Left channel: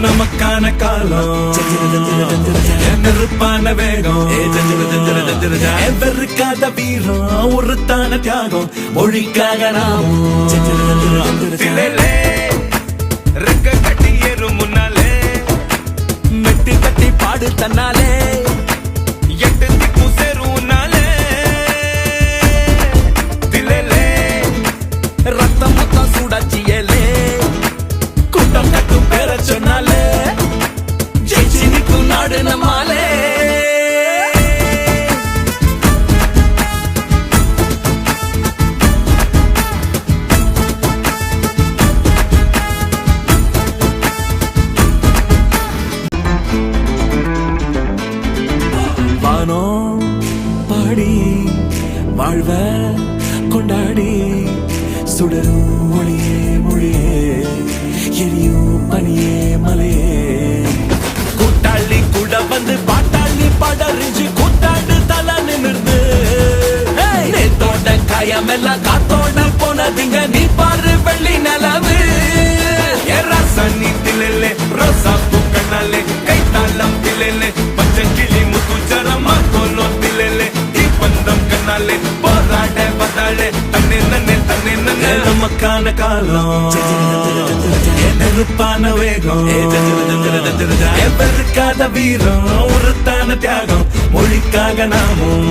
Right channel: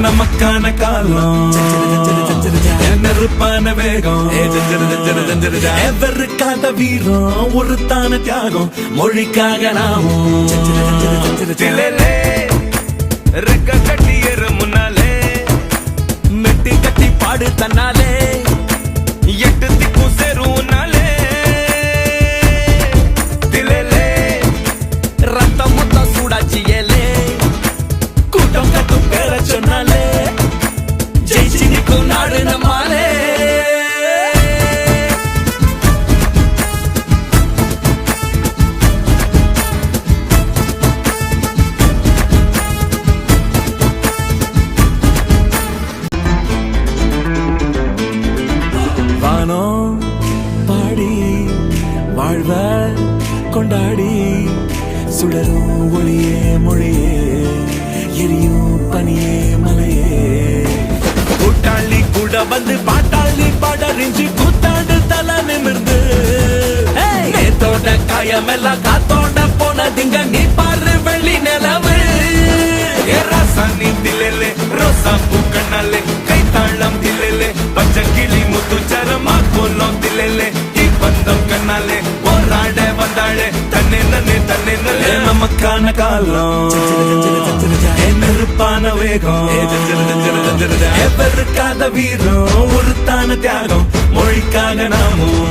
நமக்கான காலம் நெருப்பான வேகம் எவருக்காத வீரம் ஒருத்தான தியாகம் மொழிக்காக நாமும் ரெக்க கட்டி ஏறும் முன்னாலே நட்டி கட்டி பாடு தன்னாலே எட்டுக்கும் சேரும் நாளே தில்லே ரத்தம் மொத்தம் சூடாச்சி ஏலே கூட்டம் கட்டும் பேர சொன்னாலே ஜெயிச்சு நிற்கும் நாடு நம்மாலே பாடி வாழ்வ கொண்டாடி சுடரும் மொழியே மொழியே எரியும் பனியே மலையே கூட்டாளி கூட வந்து பாட்டாளி பாடறிஞ்சு கூத்தாண்டு தலை நிமிர்ந்து நேத்தோட காயமெல்லாம் காத்தோட போனதிங்க நீ பாரு வெள்ளி நிலவு சன்னி தில்லே ரோசா பூக்கண்ணாலே கைத்தாளம் தில்லே பச்சை கிளி முத்துச்சரமா கோலம் தில்லே தீப்பந்தம் கண்ணாலே போராட வந்தாளே தன்னை நமக்கான காலம் நெருப்பான வேகம் எவருக்காத வீரம் ஒருத்தான தியாகம் மொழிக்காக நாமும்